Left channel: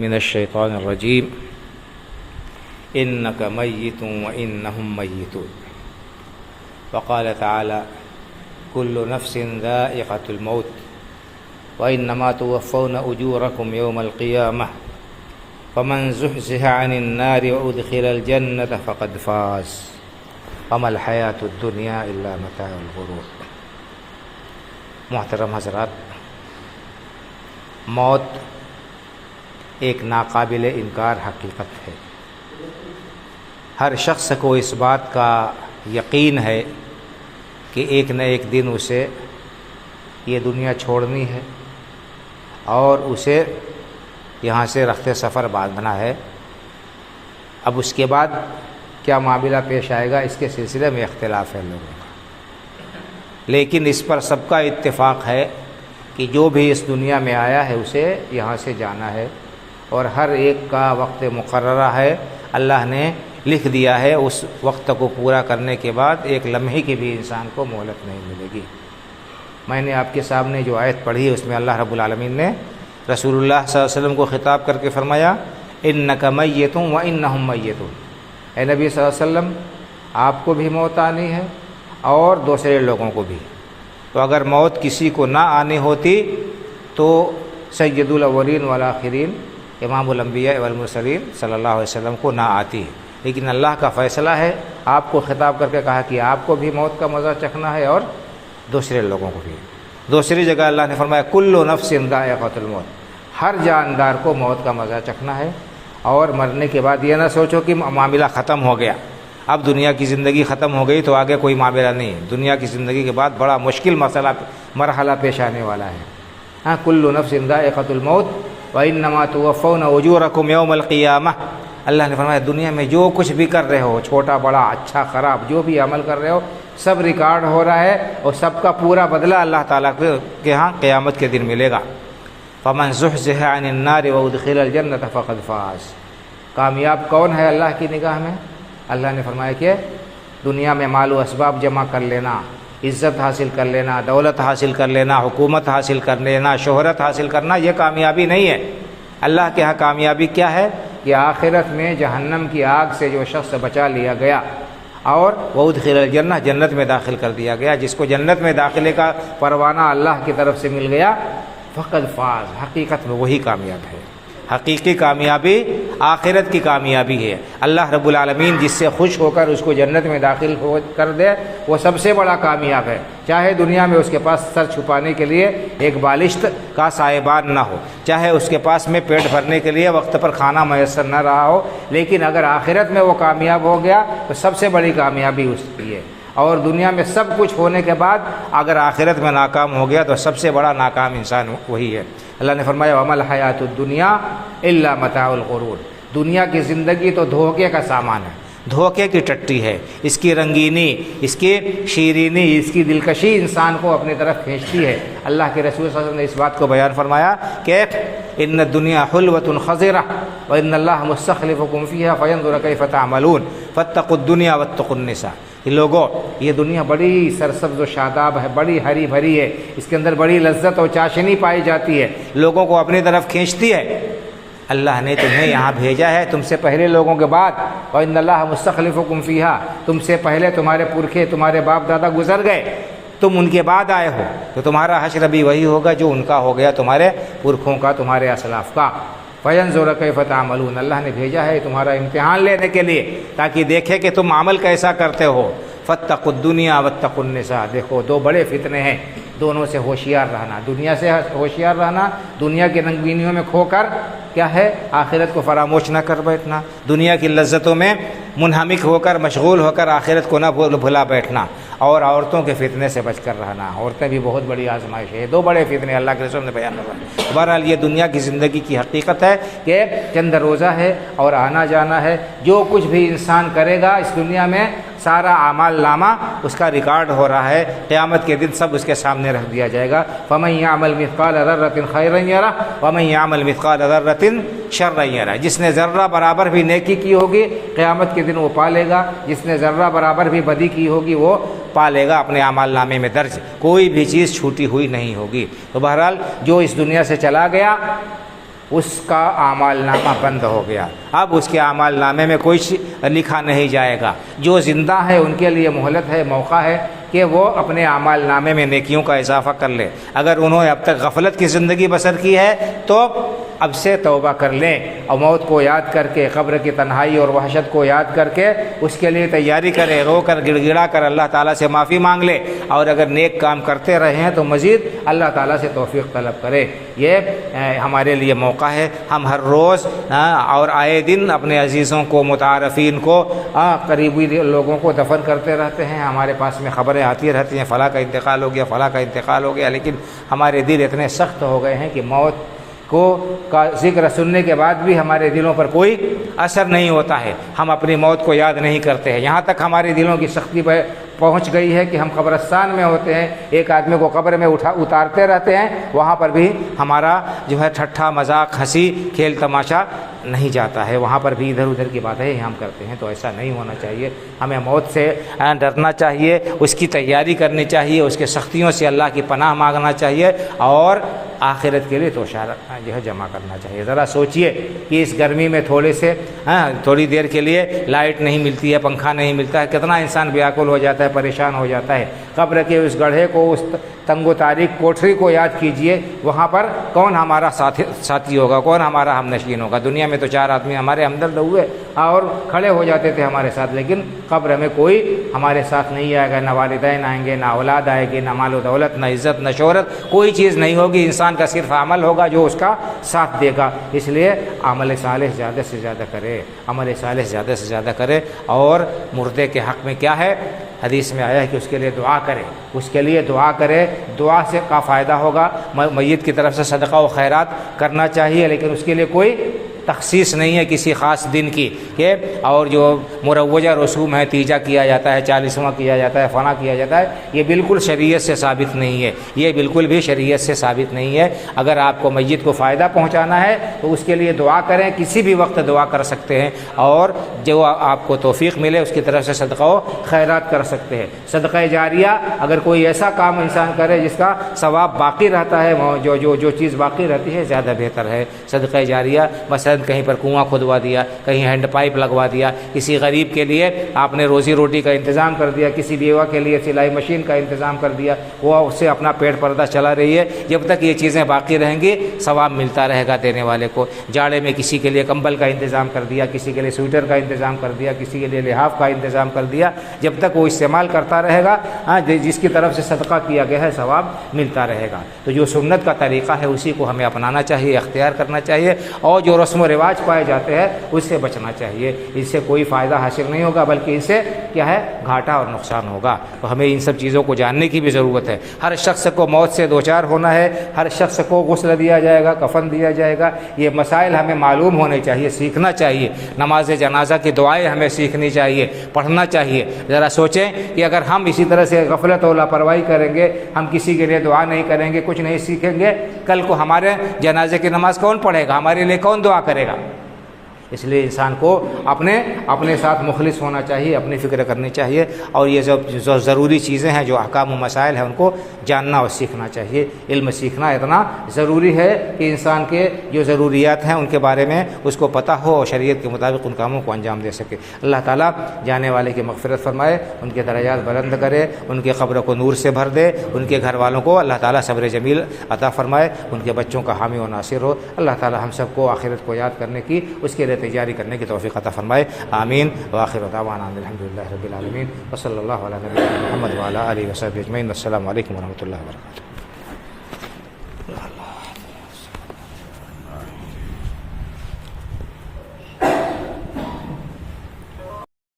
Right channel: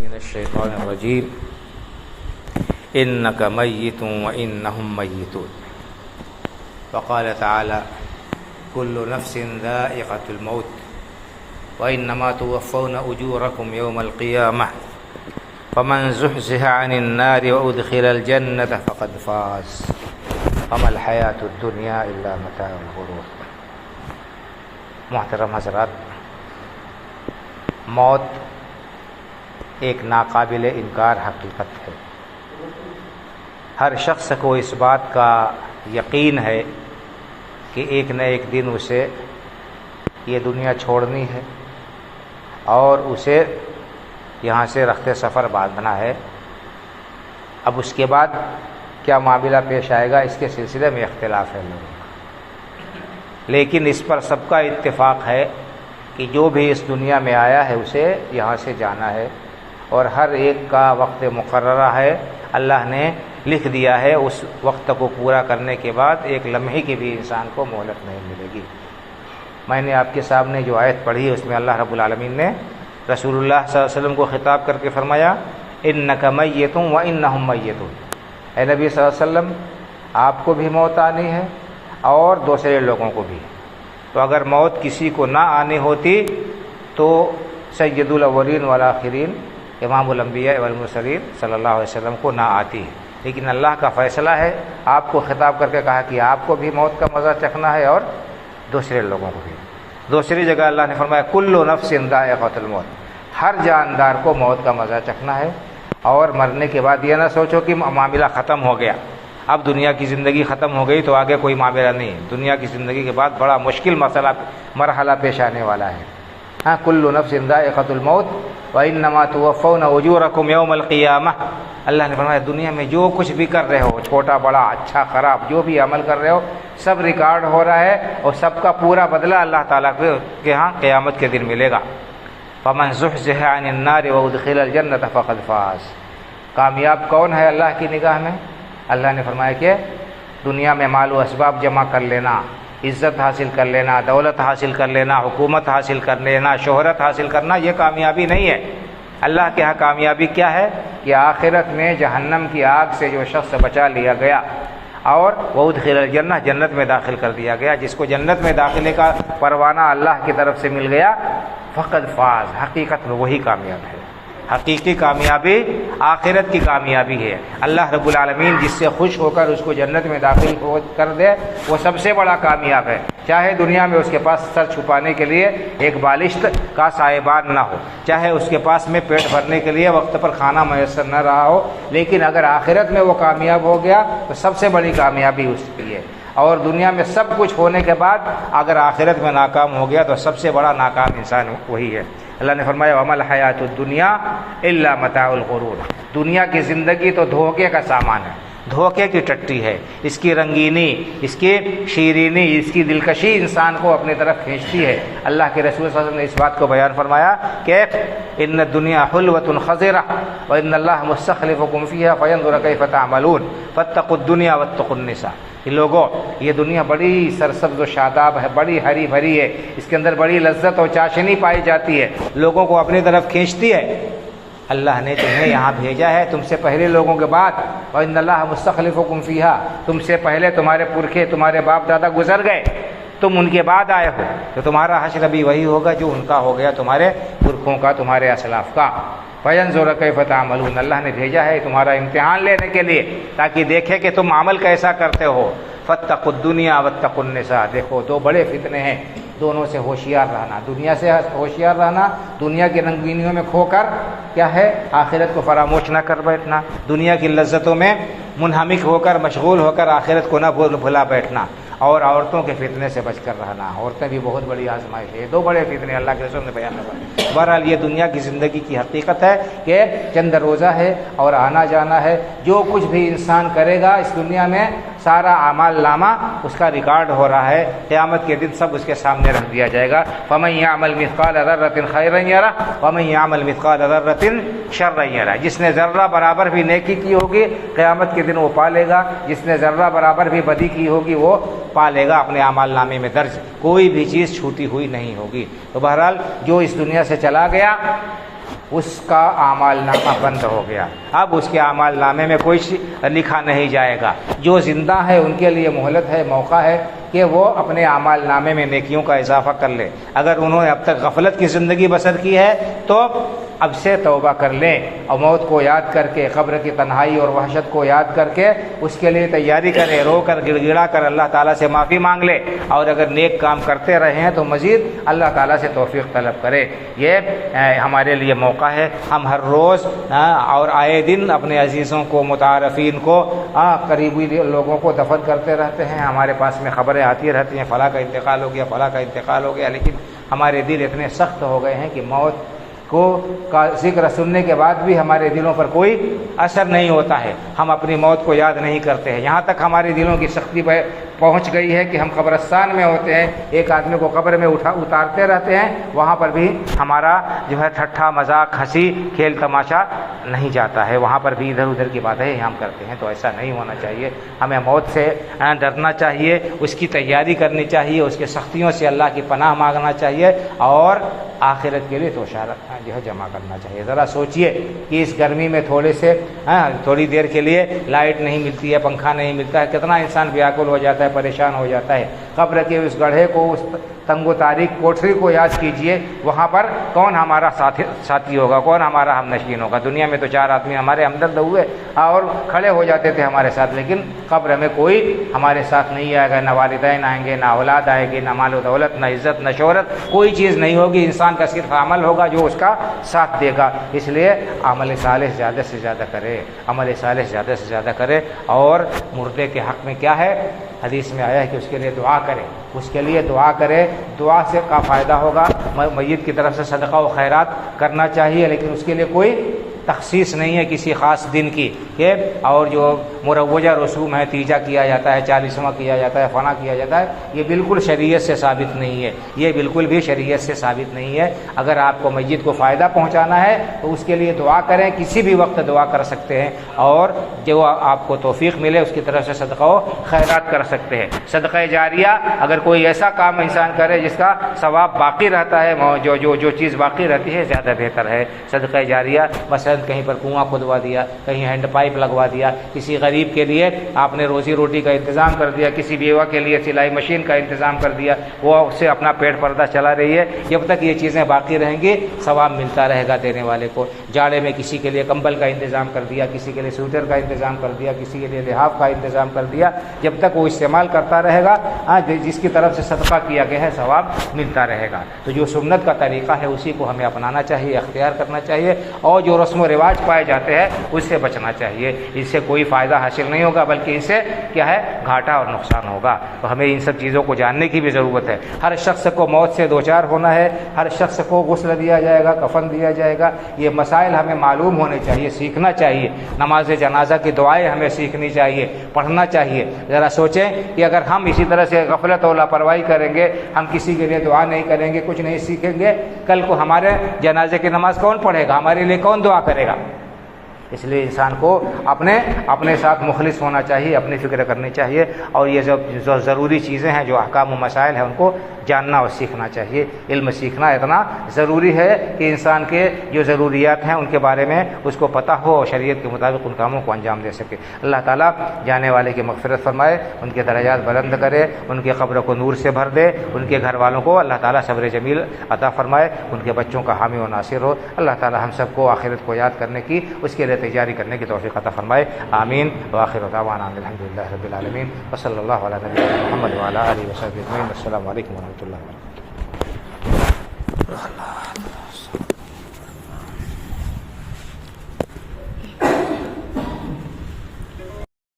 من الشیطان الرجیم انک میت وانہم میتون وقال تعالی کل نفس ذائقۃ الموت وانما توفون اجورکم یوم القیامہ فمن زحزح عن النار وادخل الجنۃ فقد فاز وما الحیاۃ الدنیا الا متاع الغرور۔ محترم حضرات، موت ایک ناقابل انکار حقیقت ہے۔ ہر شخص کو اس بات کا یقین ہے کہ ایک نہ ایک دن اسے یہ دنیا چھوڑنی ہے اور اسے یہاں سے رخت سفر باندھنا ہے۔ اب اس کے بعد کیا معاملہ پیش آئے گا، اس کے سلسلے میں اختلاف ہے لوگوں کا، لیکن اس پر سب کا اتفاق ہے کہ جو بھی اس دنیا میں آیا ہے اسے یہاں سے جانا ہے، اور ہر ایک کا وقت مقررہ ہے، اللہ نے لکھ دیا ہے۔ اس وقت کو پورا کرنے کے بعد ایک لمحے کی بھی انسان کو مہلت نہیں ملے گی۔ میں نے آپ کے سامنے جو آیت پڑھی ہے اس میں اللہ رب العالمین نے رسول اللہ صلی اللہ علیہ وسلم کو خطاب کر کے فرمایا انک میت وانہم میتون، اے نبی صلی اللہ علیہ وسلم آپ کو بھی موت آنی ہے اور دوسرے لوگوں کو بھی۔ تو اگر موت کسی کو نہ آنی ہوتی تو سید الاولین والآخرین امام الانبیاء والمرسلین صلی اللہ علیہ وسلم کو نہ آتی ہے، لیکن اللہ کا فیصلہ ہے، آپ کو خطاب کر کے کہا کہ آپ کو بھی موت کا مزہ چکھنا ہے اور دوسرے لوگوں کو بھی۔ دوسری جگہ اللہ نے فرمایا کل نفس ذائقۃ الموت، ہر جاندار کو موت کا مزہ چکھنا ہے، اور مرنے کے بعد یہ نہ سوچو کہ معاملہ ختم ہو گیا، اب دنیا کی زندگی ختم ہو گئی تو آگے کوئی معاملہ نہیں ہے۔ دنیا کی زندگی کے بعد بڑا مشکل مرحلہ پیش آنے والا ہے۔ ہاں، کل نفس ذائقۃ الموت وانما توفون اجورکم یوم القیامہ۔ اللہ نے فرمایا دنیا میں جو کچھ بھی کر رہے ہو، چھوٹا بڑا اچھا خراب، جو بھی عمل کر رہے ہو سب ریکارڈ ہو رہا ہے، اور سب کا پورا بدلہ اللہ تعالیٰ کے ہاں قیامت کے دن ملے گا۔ فمن زحزح عن النار وادخل الجنۃ فقد فاز۔ کامیاب کون ہے اللہ کی نگاہ میں؟ اللہ نے فرمایا کہ دنیا میں مال و اسباب جمع کر لینا، عزت حاصل کر لینا، دولت حاصل کر لینا، حکومت حاصل کر لینا، شہرت حاصل کرنا، یہ کامیابی نہیں ہے۔ اللہ کے ہاں کامیابی کیا ہے کہ آخرت میں جہنم کی آگ سے جو شخص بچا لیا گیا اور وادخل الجنہ، جنت میں داخل کر دیا گیا، جس کو جنت میں داخلے کا پروانہ اللہ کی طرف سے مل گیا، فقد فاز، حقیقت میں وہی کامیاب ہے۔ حقیقی کامیابی آخرت کی کامیابی ہے۔ اللہ رب العالمین جس سے خوش ہو کر اس کو جنت میں داخل کر دے وہ سب سے بڑا کامیاب ہے، چاہے دنیا میں اس کے پاس سر چھپانے کے لیے ایک بالشت کا سائبان نہ ہو، چاہے اس کے پاس میں پیٹ بھرنے کے لیے وقت پر کھانا میسر نہ رہا ہو، لیکن اگر آخرت میں وہ کامیاب ہو گیا تو سب سے بڑی کامیابی اس کی ہے۔ اور دنیا میں سب کچھ ہونے کے بعد اگر آخرت میں ناکام ہو گیا تو سب سے بڑا ناکام انسان وہی ہے۔ اللہ نے فرمایا وما الحیاۃ الدنیا الا متاع الغرور، دنیا کی زندگی تو دھوکے کا سامان ہے، دھوکے کی ٹٹی ہے، اس کی رنگینی، اس کی شیرینی، اس کی دلکشی انسان کو اپنی طرف کھینچتی ہے۔ اللہ کے رسول صلی اللہ علیہ وسلم نے اس بات کو بیان فرمایا کہ ان الدنیا حلوۃ خضرہ وان اللہ مستخلفکم فیہا فینظر کیف تعملون فاتقوا الدنیا واتقوا النساء۔ لوگوں، یہ دنیا بڑی سرسبز و شاداب ہے، بڑی ہری بھری ہے، اس کے اندر بڑی لذت اور چاشنی پائی جاتی ہے، لوگوں کو اپنی طرف کھینچتی ہے۔ اللہ نے تمہیں یہاں بھیجا ہے تم سے پہلے لوگوں کے بعد، وَإِنَّ اللَّهَ مُسْتَخْلِفُكُمْ فِيهَا، تم سے پہلے تمہارے پرکھے، تمہارے باپ دادا گزر گئے، تم ان کے بعد آئے ہو، تو تمہارا حشر بھی وہی ہوگا جو ان کا ہو گیا، تمہارے پرکھوں کا، تمہارے اسلاف کا۔ فَيَنْظُرَ كَيْفَ تَعْمَلُونَ، اللہ نے بھیجا ہے تمہارا امتحان لینے کے لیے تاکہ دیکھے کہ تم عمل کیسا کرتے ہو۔ فَاتَّقُوا الدُّنْيَا وَاتَّقُوا النِّسَاء، دیکھو دو بڑے فتنے ہیں، دونوں سے ہوشیار رہنا، دنیا سے ہوشیار رہنا، دنیا کی رنگینیوں میں کھو کر کیا ہے آخرت کو فراموش نہ کر بیٹھنا، دنیا کی لذتوں میں منہمک ہو کر مشغول ہو کر آخرت کو نہ بھلا بیٹھنا، اور عورتوں کے فتنے سے بچ کر رہنا۔ عورتیں بھی بہت بڑی آزمائش ہے، دو بڑے فتنے اللہ کے رسول نے بیان فرمائے۔ بہرحال یہ دنیا کی زندگی کی حقیقت ہے کہ چند روزہ ہے اور آنا جانا ہے، جو کچھ بھی انسان کرے گا اس دنیا میں سارا اعمال نامہ اس کا ریکارڈ ہو رہا ہے، قیامت کے دن سب اس کے سامنے رکھ دیا جائے گا۔ فَمَن يَعْمَلْ مِثْقَالَ ذَرَّةٍ خَيْرًا يَرَهُ وَمَن يَعْمَلْ مِثْقَالَ ذَرَّةٍ شَرًّا يَرَهُ، جس نے ذرہ برابر بھی نیکی کی ہوگی قیامت کے دن وہ پالے گا، جس نے ذرہ برابر بھی بدی کی ہوگی وہ پالے گا، اپنے اعمال نامے میں درج کوئی بھی چیز چھوٹی ہوئی نہیں ہوگی۔ تو بہرحال جو اس دنیا سے چلا گیا اس کا اعمال نامہ بند ہو گیا، اب اس کے اعمال نامے میں کوئی لکھا نہیں جائے گا۔ جو زندہ ہے ان کے لیے مہلت ہے، موقع ہے کہ وہ اپنے اعمال نامے میں نیکیوں کا اضافہ کر لیں۔ اگر انہوں نے اب تک غفلت کی زندگی بسر کی ہے تو اب سے توبہ کر لیں، اور موت کو یاد کر کے، قبر کی تنہائی اور وحشت کو یاد کر کے اس کے لیے تیاری کریں، رو کر گڑ گڑا کر اللہ تعالیٰ سے معافی مانگ لے، اور اگر نیک کام کرتے رہے ہیں تو مزید اللہ تعالیٰ سے توفیق طلب کرے۔ یہ ہمارے لیے موقع ہے، ہم ہر روز اور آئے دن اپنے عزیزوں کو، متعارفین کو، قریبی لوگوں کو دفن کرتے رہتے ہیں۔ ہمارے پاس میں خبریں آتی رہتی ہیں، فلاں کا انتقال ہو گیا، فلاں کا انتقال ہو گیا، لیکن ہمارے دل اتنے سخت ہو گئے ہیں کہ موت کا ذکر سننے کے بعد بھی ہمارے دلوں پر کوئی اثر نہیں ہوتا ہے، ہم اپنی موت کو یاد نہیں کرتے ہیں۔ یہاں تک ہمارے دلوں کی سختی پہ پہنچ گئی ہے کہ ہم قبرستان میں ہوتے ہیں، ایک آدمی کو قبر میں اتارتے رہتے ہیں، وہاں پر بھی ہمارا جو ہے ٹھٹھا مذاق، ہنسی کھیل تماشا نہیں جاتا ہے، وہاں پر بھی ادھر ادھر کی باتیں ہم کرتے ہیں۔ تو ایسا نہیں ہونا چاہیے، ہمیں موت سے ڈرنا چاہیے، اس کی تیاری کرنی چاہیے، اس کے سختیوں سے اللہ کی پناہ مانگنا چاہیے، اور آخرت کے لیے توشہ جو ہے جمع کرنا چاہیے۔ ذرا سوچئے کہ اس گرمی میں تھوڑی دیر کے لیے لائٹ نہیں ملتی ہے، پنکھا نہیں ملتا ہے، کتنا انسان بیاکل ہو جاتا ہے، پریشان ہو جاتا ہے۔ قبر کے اس گڑھے کو، اس تنگ و تاریک کوٹھری کو یاد کیجئے، وہاں پر کون ہمارا ساتھی ہوگا، کون ہمارا ہم نشین ہوگا۔ دنیا میں تو 4 آدمی ہمارے ہمدرد ہوئے اور کھڑے ہو جاتے تھے ہمارے ساتھ، لیکن قبر میں کوئی ہمارے ساتھ نہیں آئے گا، نہ والدین آئیں گے، نہ اولاد آئے گی، نہ مال و دولت، نہ عزت، نہ شہرت، کوئی چیز نہیں ہوگی۔ انسان کا صرف عمل ہوگا جو اس کا ساتھ دے گا۔ اس لیے عمل صالح زیادہ سے زیادہ کرے، عمل صالح زیادہ سے زیادہ کرے، اور مردے کے حق میں کیا ہے، حدیث میں آیا ہے کہ اس کے لیے دعا کرے، اس کے لیے دعا کرے، دعا سے کا فائدہ ہوگا۔ میت کی طرف سے صدقہ و خیرات کرنا چاہیے، لیکن اس کے لیے کوئی تخصیص نہیں ہے کسی خاص دن کی، کہ اور جو مروجہ رسوم ہے، تیجا کیا جاتا ہے، 40واں کیا جاتا ہے، فنا کیا جاتا ہے، یہ بالکل شریعت سے ثابت نہیں ہے، یہ بالکل بھی شریعت سے ثابت نہیں ہے۔ اگر آپ کو میت کو فائدہ پہنچانا ہے تو اس کے لیے دعا کریں، کسی بھی وقت دعا کر سکتے ہیں، اور جو آپ کو توفیق ملے اس کی طرف سے صدقہ و خیرات کر سکتے ہیں۔ صدقہ جاریہ، اگر کوئی ایسا کام انسان کرے جس کا ثواب باقی رہتا ہے، جو چیز باقی رہتی ہے زیادہ بہتر ہے۔ صدقہ جاریہ مثلا کہیں پر کنواں کھدوا دیا، کہیں ہینڈ پائپ لگوا دیا، کسی غریب کے لیے آپ نے روزی روٹی کا انتظام کر دیا، کسی بیوہ کے لیے سلائی مشین کا انتظام کر دیا، وہ اس سے اپنا پیٹ پردہ چلا رہی ہے، جب تک یہ چیزیں باقی رہیں گی ثواب ملتا رہے گا دینے والے کو۔ جاڑے میں کسی کے لیے کمبل کا انتظام کر دیا، کسی کے لیے سویٹر کا انتظام کر دیا، کسی کے لیے لحاف کا انتظام کر دیا، جب تک وہ استعمال کرتا رہے گا، جس کی طرف سے صدقہ کیا گیا ہے ثواب ملتا رہے گا۔ تو جو سنت کا طریقہ ہے اسی کو ہمیں اپنانا چاہیے، اختیار کرنا چاہیے، اور جو رسم و رواج پائے جاتے ہیں اس سے بچنا چاہیے۔ اس سے کوئی فائدہ حاصل نہیں ہوگا، بلکہ اس سے کیا ہے، گھاٹا اور نقصان ہوگا۔ تو ہمیں ان سب چیزوں کو جاننے کی بھی ضرورت ہے۔ ہر شخص کو موت سے دوچار ہونا ہے، ہر شخص کو غسل دیا جائے گا، کفن دیا جائے گا، یہ مسائل ہمیں معلوم ہونے چاہیے، سیکھنا چاہیے۔ نماز جنازہ کی دعائیں ہمیں سیکھنی چاہیے، پڑھنا چاہیے۔ ذرا سوچیں کہ اگر ہم اسی طرح سے غفلت اور لاپرواہی کریں گے، ہم کسی کے لیے دعا نہیں کریں گے، کچھ نہیں سیکھیں گے، کل کو ہمارے جنازے کی نماز کون پڑھے گا، ہمارے لیے کون دعا کرے گا؟ اس لیے انسان کو اپنے ساتھ مخلص ہونا چاہیے، اپنی فکر کرنی چاہیے، اور یہ جو ضروری چیزیں ہیں، جو احکام و مسائل ہیں، ان کو جاننا اور سیکھنا چاہیے۔ علم سیکھنا اتنا ضروری ہے کہ انسان کے جو ضروریات ہیں ان کے بارے میں اس کو پتہ ہو اور شریعت کے مطابق ان کاموں کو انجام دے سکے۔ اللہ تعالیٰ جانے والے کی مغفرت فرمائے، ان کے درجات بلند کرے، ان کے قبر کو نور سے بھر دے، ان کے گھر والوں کو اللہ تعالیٰ صبر جمیل عطا فرمائے، ان کے بچوں کا حامی و ناصر ہو۔ اللہ تعالیٰ ہم سب کو آخرت کو یاد کرنے کی، اس کے لیے تیاری کرنے کی توفیق عطا فرمائے، آمین۔ وآخر دعوانا الحمدللہ رب العالمین، وصلی اللہ علی نبینا محمد وعلی آلہ وصحبہ اجمعین۔ السلام علیکم ورحمۃ اللہ وبرکاتہ۔